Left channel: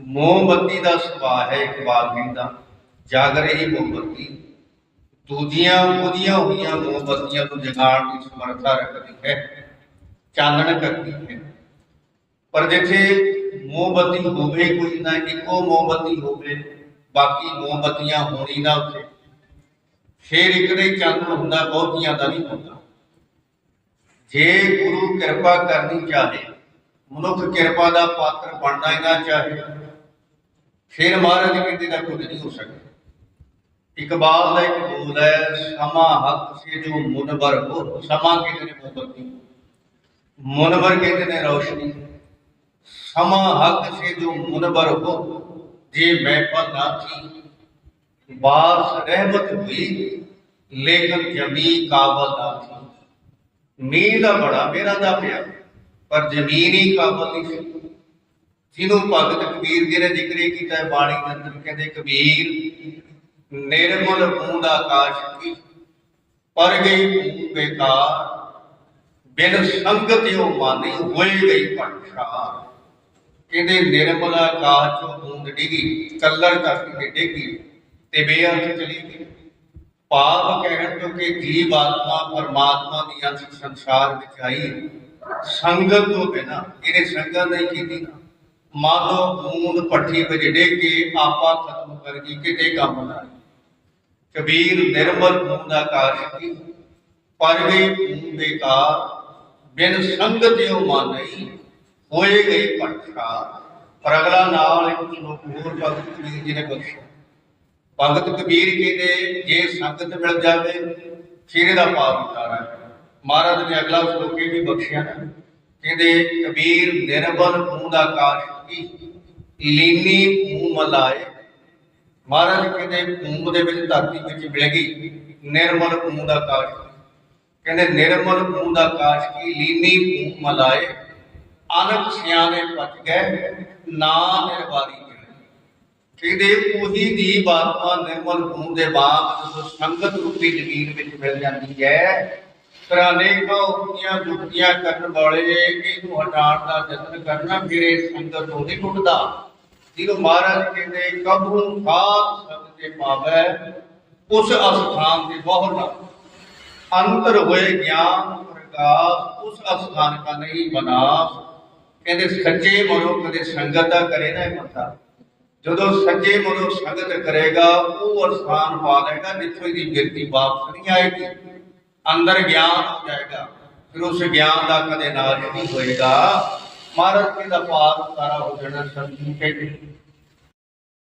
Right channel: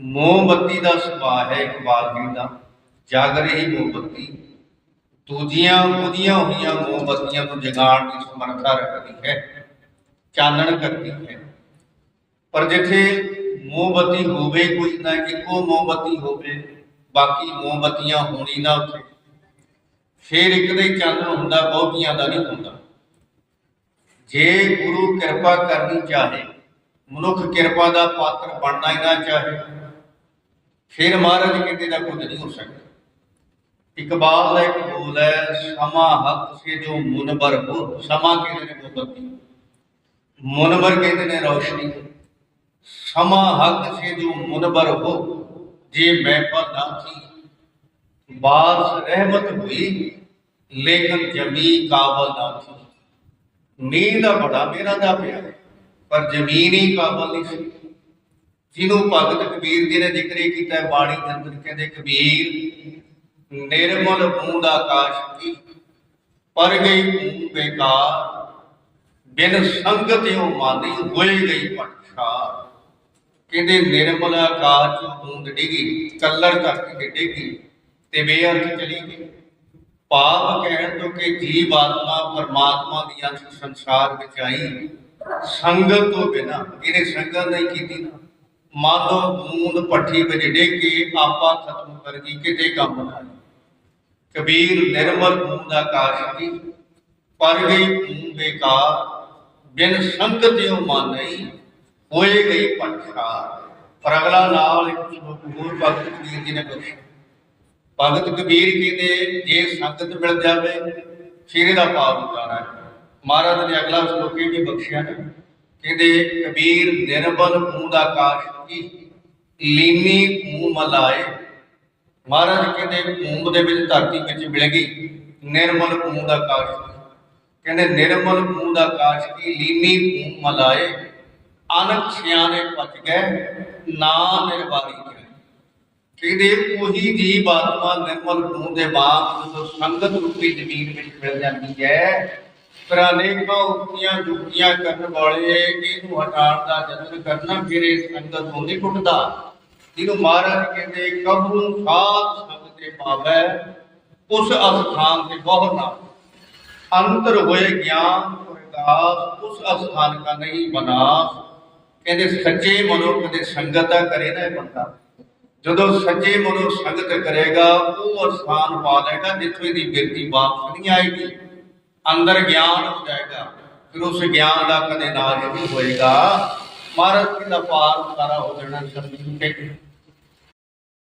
ਮੋਮਬੱਤੀ ਦਾ ਸੁਭਾਅ ਹੈ ਇਕਬਾਲ ਸਿੰਘ ਦਾ। ਜਾਗ ਰਹੀ ਮੋਮਬੱਤੀ। ਦੂਜੀਆਂ ਉਹਦੀਆਂ ਹੋਈਆਂ ਮੋਮਬੱਤੀਆਂ ਨੂੰ ਜਗਾਉਣ ਦੀ ਸਮਰੱਥਾ ਰੱਖਦੀ ਹੈ। ਚਾਨਣ ਕਰਦੀ ਹੈ। ਪਰ ਜਿੱਥੇ ਮੋਮਬੱਤੀ ਹੋਵੇ ਕੋਈ ਨਾ ਇੱਕੋ ਮੋਮਬੱਤੀ ਹੋਵੇ, ਬਾਕੀ ਮੋਮਬੱਤੀਆਂ ਹੋਣੀ ਨਾ ਉੱਥੇ। ਫੇਰ ਇੱਕ ਦਾ ਚਾਨਣ ਹੁੰਦਾ, ਬਹੁਤੀਆਂ ਦਾ ਨਹੀਂ ਹੁੰਦਾ। ਜੇ ਗੁਰੂ ਕਿਰਪਾ ਕਰਨੀ ਚਾਹੇ, ਮਨੁੱਖ ਕਿਰਪਾ ਦਾ ਪਾਤਰ ਬਣਨਾ ਹੀ ਨਾ ਚਾਹੇ ਫਿਰ ਮਹਾਰਾਜ ਕਹਿੰਦੇ ਦਾ ਕੁਝ ਨਹੀਂ ਹੋ ਸਕਦਾ ਇਕਬਾਲ ਦਾ ਇੱਕ ਬੋਲ ਹੈ ਸਮਾ ਹੱਕ ਸੇ ਜੋ ਮੁਨਬਰ ਹੋ ਸਮਾ ਕਹਿੰਦੇ ਨੇ ਮੋਮਬੱਤੀ ਮੁਨਬਰ ਕਹਿੰਦੇ ਨੇ ਰੌਸ਼ਨੀ ਸਮਾ ਹੱਕ ਸੇ ਜੋ ਮੁਨਬਰ ਹੋ ਜੇ ਮਹਿਫਲ ਨਾ ਥੀ ਬਾਰਿਸ਼ ਰਹਿਮਤ ਹੁਈ ਲੇਕਿਨ ਜਮੀ ਕਾਬਲ ਨਾ ਥੀ ਮੀਂਹ ਦਾ ਬੜਾ ਮੇਰਾ ਦਾ ਪਿਆ ਪਰ ਜ਼ਮੀਨ ਹੀ ਕਾਬਲ ਨਹੀਂ ਸੀ ਜਿਹਨੂੰ ਭਗਤ ਕਬੀਰ ਜੀ ਨੇ ਜ਼ਿਕਰ ਕੀਤਾ ਹੈ, ਬਾਣੀ ਦੇ ਅੰਦਰ ਕਹਿੰਦੇ ਕਬੀਰ, ਨਿਰਮਲ ਬੂੰਦ ਆਕਾਸ਼ ਕੀ? ਪਰ ਗਈ ਬੂੰਦ ਬੇਕਾਰ, ਬਿਨ ਸੰਗਤ ਉਹ ਮਾਨੀ ਹੋਏ ਗਈ ਪਟਸ਼ਾਰ ਕਹਿੰਦੇ ਨਿਰਮਲ ਆਕਾਸ਼ ਚੋਂ ਬੂੰਦ ਡਿੱਗੀ ਕਲਰ ਕਰਕੇ ਡਿੱਗੀ ਤੇ ਬੇਅਰਥ ਚਲੀ ਗਈ। ਪਾਪ ਕਹਿਣ ਤੋਂ ਕਿ ਜੀਵ ਆਤਮਾ ਪਰਮਾਤਮਾ ਦੀ ਅੰਸ਼ ਸੰਸਾਰ ਵਿੱਚ ਆਈ, ਸੰਗਤ ਤੋਂ ਬਿਨਾ, ਇਹਨੇ ਸੰਗਤ ਨਹੀਂ ਕੀਤੀ ਨਾ। ਮਾਨੋ ਬੂੰਦ ਪੱਠੀ ਵਿੱਚ ਕੇ ਆਪਾ ਖਤਮ ਕਰ ਗਈ ਕਿਤੇ ਕੰਮ ਨਾ ਕਬੀਰ ਨਿਰਮਲ ਬੂੰਦ ਆਕਾਸ਼ ਕੀ ਪਰ ਗਈ ਬੂੰਦ ਬੇਕਾਰ, ਬਿਨ ਸੰਗਤ ਜੋ ਹੋਏ ਗਈ ਪਟਸ਼ਾਰ ਪਰ ਅਗਲਾ ਨਾਲ ਇੱਕ ਸ਼ਲੋਕ ਹੋਰ ਭਗਤ ਕਬੀਰ ਜੀ ਨੇ ਬਖਸ਼ਿਆ। ਭਗਤ ਕਬੀਰ ਕਹਿੰਦੇ, ਜੇ ਸੰਗਤ ਮਿਲ ਜਾਵੇ, ਫਿਰ ਇਹਦਾ ਪਾਰ ਉਤਾਰਾ ਮਹਾਰਾਜ ਨੇ ਅਗਲਾ ਸ਼ਲੋਕ ਵੀ ਬਖਸ਼ਿਆ ਨਾ। ਕਹਿੰਦੇ ਕਬੀਰ ਨਿਰਬਲ ਮੂੰਹ ਦਾ ਆਕਾਸ਼ ਕੀ? ਲੀਨੀ ਮੂੰਹ ਮਲਾਏ। ਮਹਾਰਾਜ ਕਹਿੰਦੇ, ਮੂੰਹ ਦੇ ਵਿੱਚ ਧਰਤੀ ਵਿੱਚ ਮਿਲ ਨਿਰਮਲ ਮੂੰਹ ਦਾ ਆਕਾਸ਼ ਕਹਿੰਦੇ, ਨਿਰਮਲ ਮੂੰਹ ਦਾ ਆਕਾਸ਼ ਕੀ? ਲੀਨੀ ਮੂੰਹ ਮਲਾਏ। ਅਨਕ ਸਿਆਣੇ ਪਚ ਗਏ, ਨਾ ਨਿਰਵਾਰੀ ਕਹਿੰਦੇ, ਉਹੀ ਜੀਵ ਆਤਮਾ ਨਿਰਮਲ ਹੋਣ ਦੇ ਬਾਅਦ ਜਦੋਂ ਸੰਗਤ ਰੂਪੀ ਜ਼ਮੀਨ ਵਿੱਚ ਮਿਲ ਜਾਂਦੀ ਹੈ ਪਰ ਅਨੇਕਾਂ ਉਕਤੀਆਂ ਜੁਗਤੀਆਂ ਕਰਨ ਵਾਲੇ, ਇਹਨੂੰ ਹਟਾਉਣ ਦਾ ਯਤਨ ਕਰਨਾ ਫਿਰ ਇਹ ਸੰਗਤ ਤੋਂ ਨਹੀਂ ਟੁੱਟਦਾ। ਜਿਹਨੂੰ ਮਹਾਰਾਜ ਕਹਿੰਦੇ ਕਬੂ ਸਾਧ ਸੰਗ ਤੇ ਪਾਵੈ, ਉਸ ਅਸਥਾਨ ਤੇ ਬਹੁ ਨਾ ਅੰਤਰ ਹੋਏ ਗਿਆਨ ਪ੍ਰਕਾਸ਼ ਉਸ ਅਸਥਾਨ ਕਾ ਨਹੀਂ ਬਨਾਸ। ਕਹਿੰਦੇ, ਸੱਚੇ ਮਨੋ ਕਦੇ ਸੰਗਤ ਦਾ ਕਰੇ ਨਾ ਇਹ ਬੰਦਾ। ਜਦੋਂ ਸੱਚੇ ਮਨੋ ਸੰਗਤ ਕਰੇਗਾ, ਉਹ ਅਸਥਾਨ ਪਾ ਲੇਗਾ, ਜਿੱਥੋਂ ਦੀ ਗਿਰਤੀ ਵਾਪਸ ਨਹੀਂ ਆਏਗੀ। ਅੰਦਰ ਗਿਆਨ ਹੋ ਜਾਏਗਾ, ਫਿਰ ਉਸ ਗਿਆਨ ਦਾ ਕਦੇ ਨਾਸ਼ ਨਹੀਂ ਹੋਏਗਾ। ਮਹਾਰਾਜ ਜੀ ਦਾ ਪਾਰ ਸਾਰਾ ਹੋ ਜਾਣਾ ਸੰਗਤ ਕਹਿੰਦੇ